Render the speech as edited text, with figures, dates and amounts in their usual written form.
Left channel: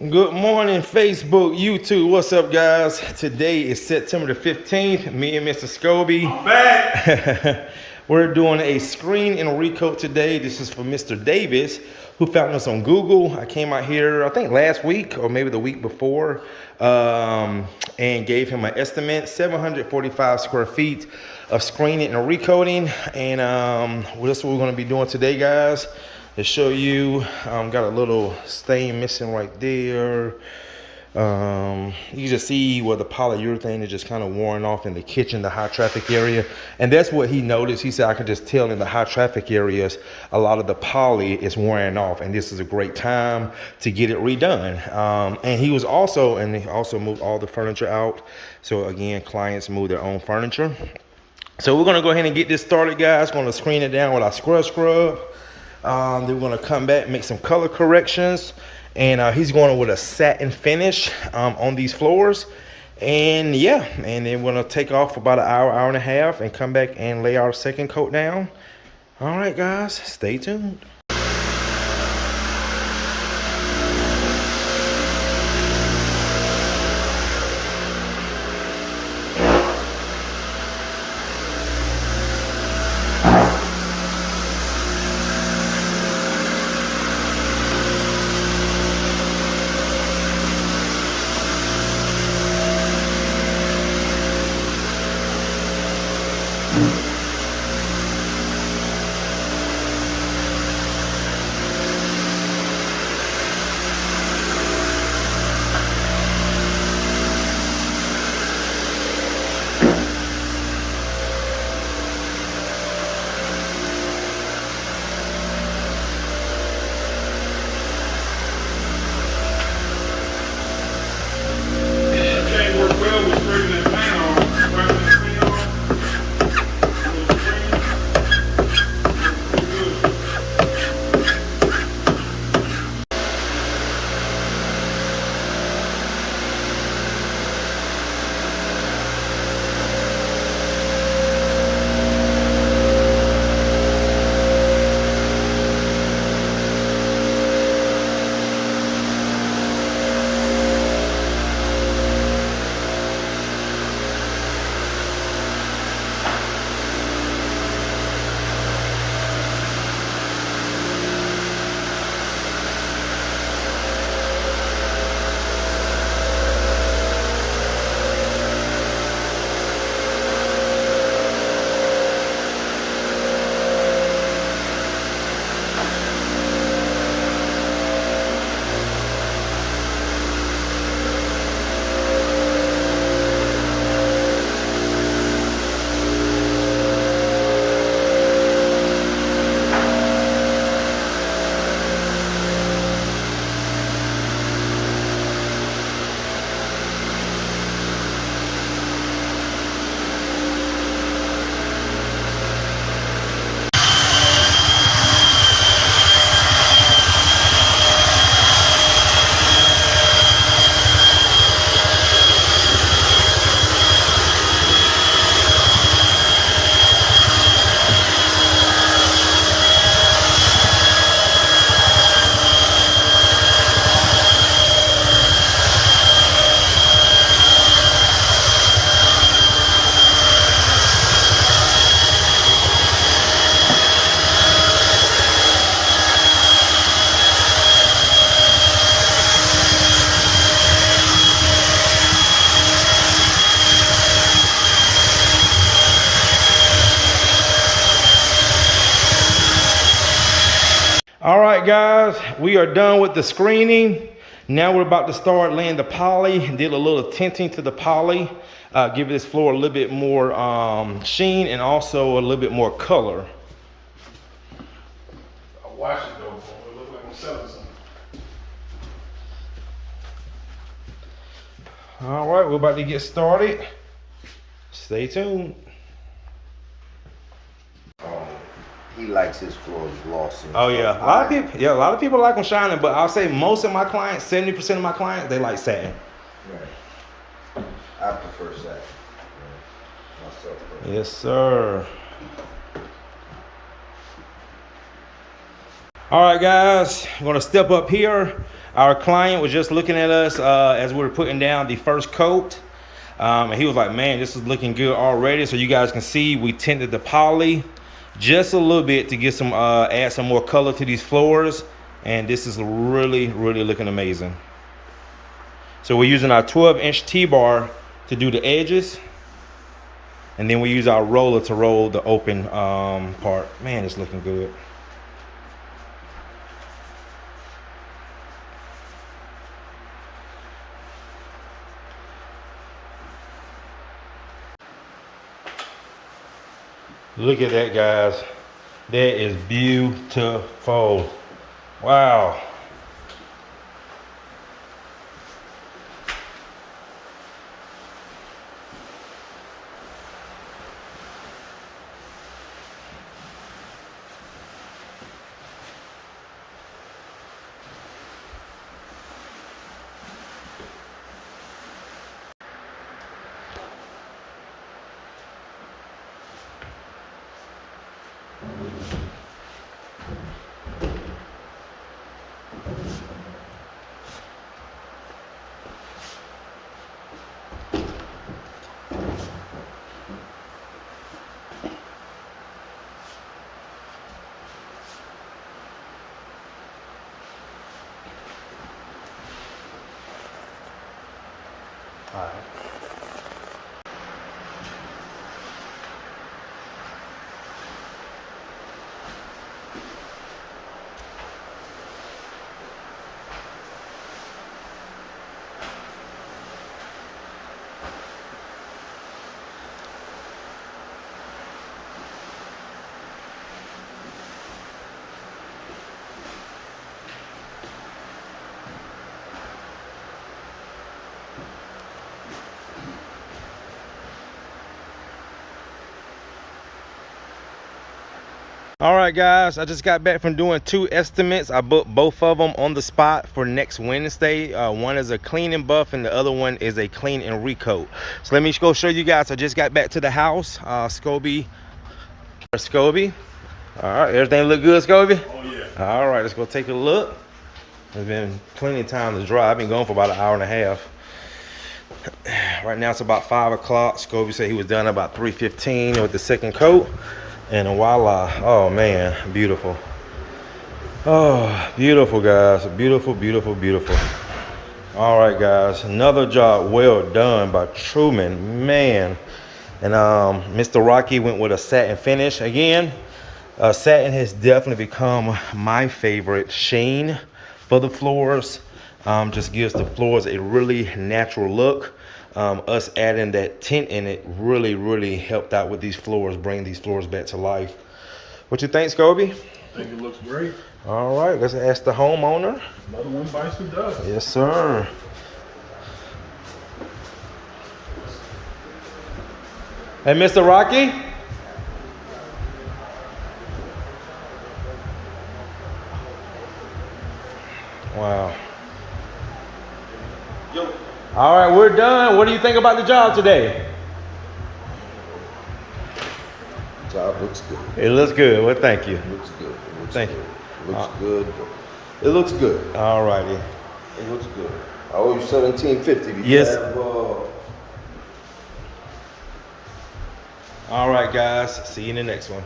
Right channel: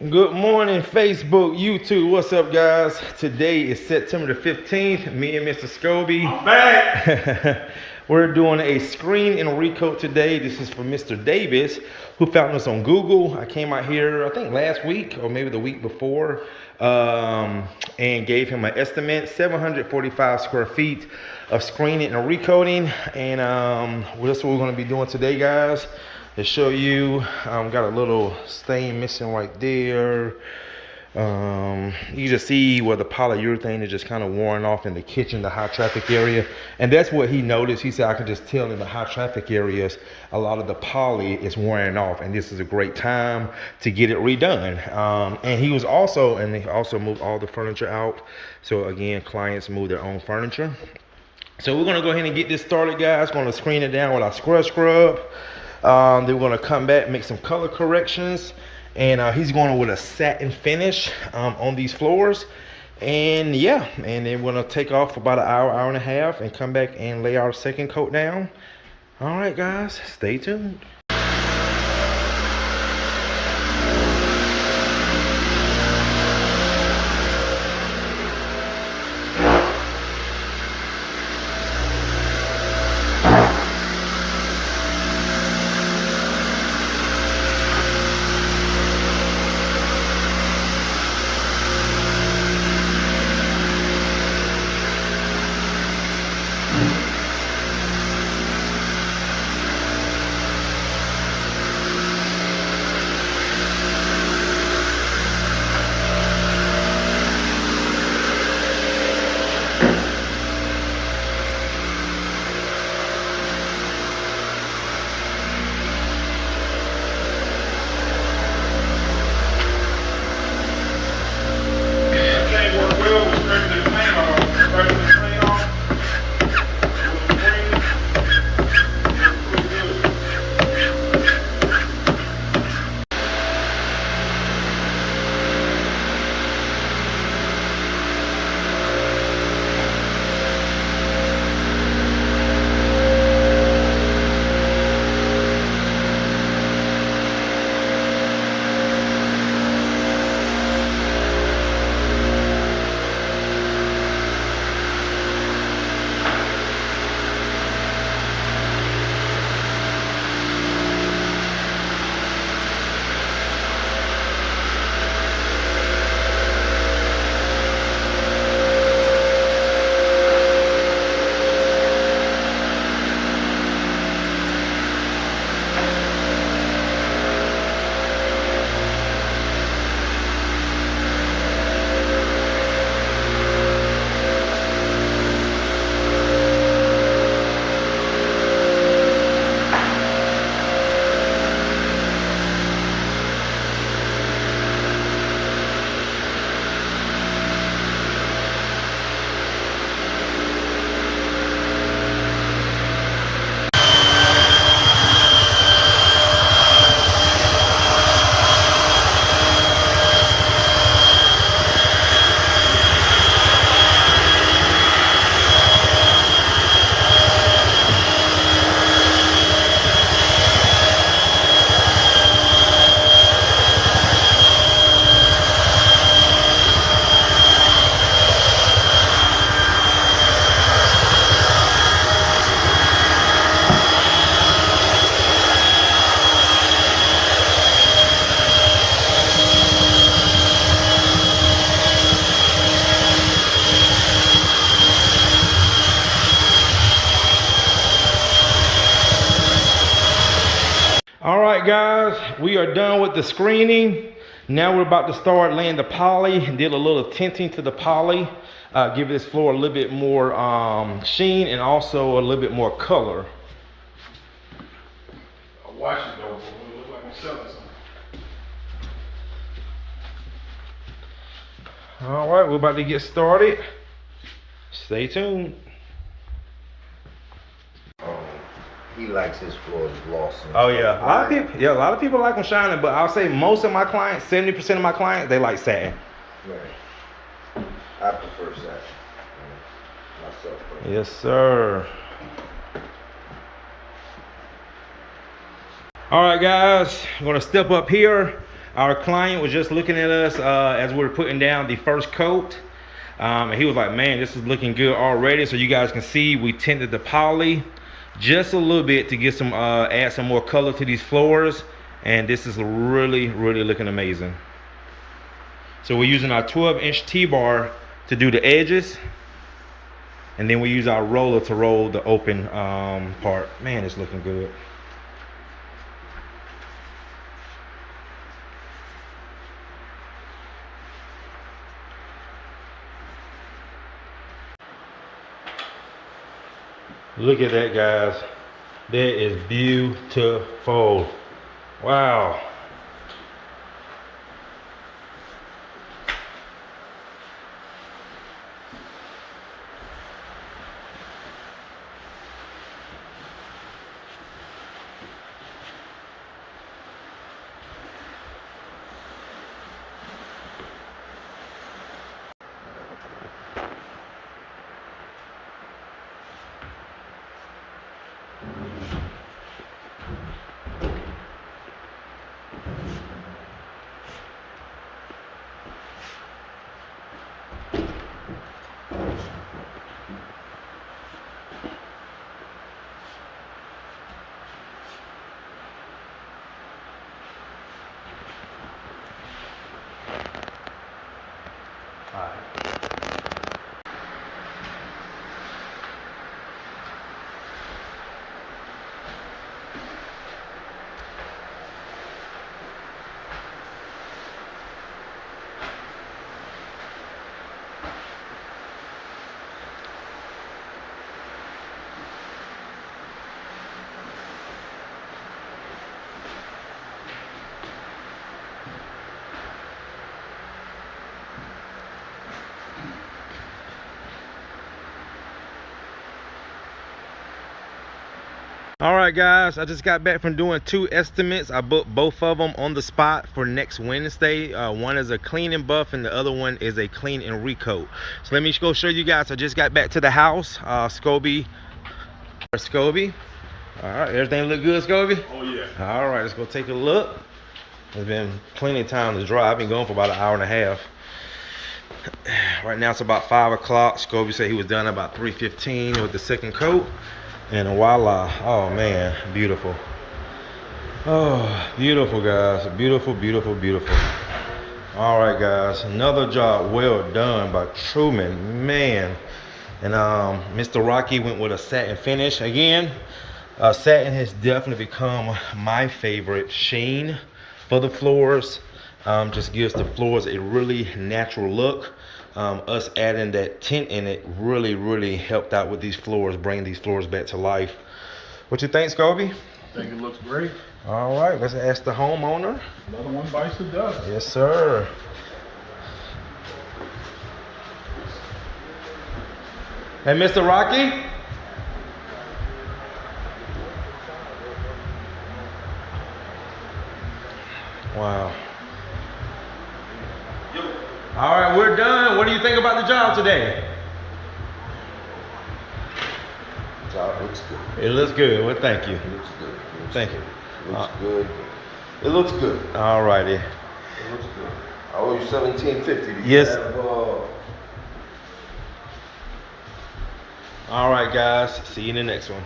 Good morning, Facebook, YouTube. What's up, guys? Today is September the 15th. Me and Mr. Scobie. I'm back. We're doing a screen and recoat today. This is for Mr. Davis, who found us on Google. I came out here, I think last week or maybe the week before, and gave him an estimate, 745 square feet of screening and recoating. And that's what we're going to be doing today, guys. To show you, got a little stain missing right there. You just see where the polyurethane is just kind of worn off in the kitchen, the high traffic area. And that's what he noticed. He said, I can just tell in the high traffic areas, a lot of the poly is wearing off, and this is a great time to get it redone. And he also moved all the furniture out. So again, clients move their own furniture. So we're gonna go ahead and get this started, guys. Gonna screen it down with our scrub. Then we're gonna come back, make some color corrections, and he's going with a satin finish on these floors. And yeah, and then we're gonna take off for about an hour and a half and come back and lay our second coat down. All right, guys, stay tuned. All right, guys, we are done with the screening. Now we're about to start laying the poly. Did a little tinting to the poly, give this floor a little bit more sheen and also a little bit more color. I watch it though, so it look like I'm selling something. All right, we're about to get started. Stay tuned. He likes his floors glossy. Oh yeah, a lot of people like them shining, but I'll say most of my clients, 70% of my clients, they like satin. Yeah. I prefer satin. Myself. Yes, sir. All right, guys, I'm gonna step up here. Our client was just looking at us as we were putting down the first coat. And he was like, man, this is looking good already. So you guys can see we tinted the poly just a little bit to get some, add some more color to these floors. And this is really, really looking amazing. So we're using our 12-inch T-bar to do the edges. And then we use our roller to roll the open part. Man, it's looking good. Look at that, guys. That is beautiful. Wow. All right, guys, I just got back from doing 2 estimates. I booked both of them on the spot for next Wednesday. One is a clean and buff and the other one is a clean and recoat. So let me go show you guys. I just got back to the house. Scoby. All right, everything look good, Scoby? Oh yeah. All right, let's go take a look. There's been plenty of time to dry. I've been going for about an hour and a half. Right now it's about 5 o'clock. Scoby said he was done about 3:15 with the second coat. And voila. Oh man, beautiful. Oh, beautiful, guys. Beautiful, beautiful, beautiful. All right, guys, another job well done by Truman, man. And Mr. Rocky went with a satin finish. Again, satin has definitely become my favorite sheen for the floors. Just gives the floors a really natural look. Us adding that tint in it really helped out with these floors, bring these floors back to life. What you think, Scoby? I think it looks great. All right, let's ask the homeowner. Another one bites the dust. Yes, sir. Hey, Mr. Rocky? Wow. All right, we're done. What do you think about the job today? Job looks good. It looks good. Well, thank you. It looks good. Thank you. Looks good. It looks good. All righty. It looks good. I owe you $17.50. Yes. All right, guys. See you in the next one.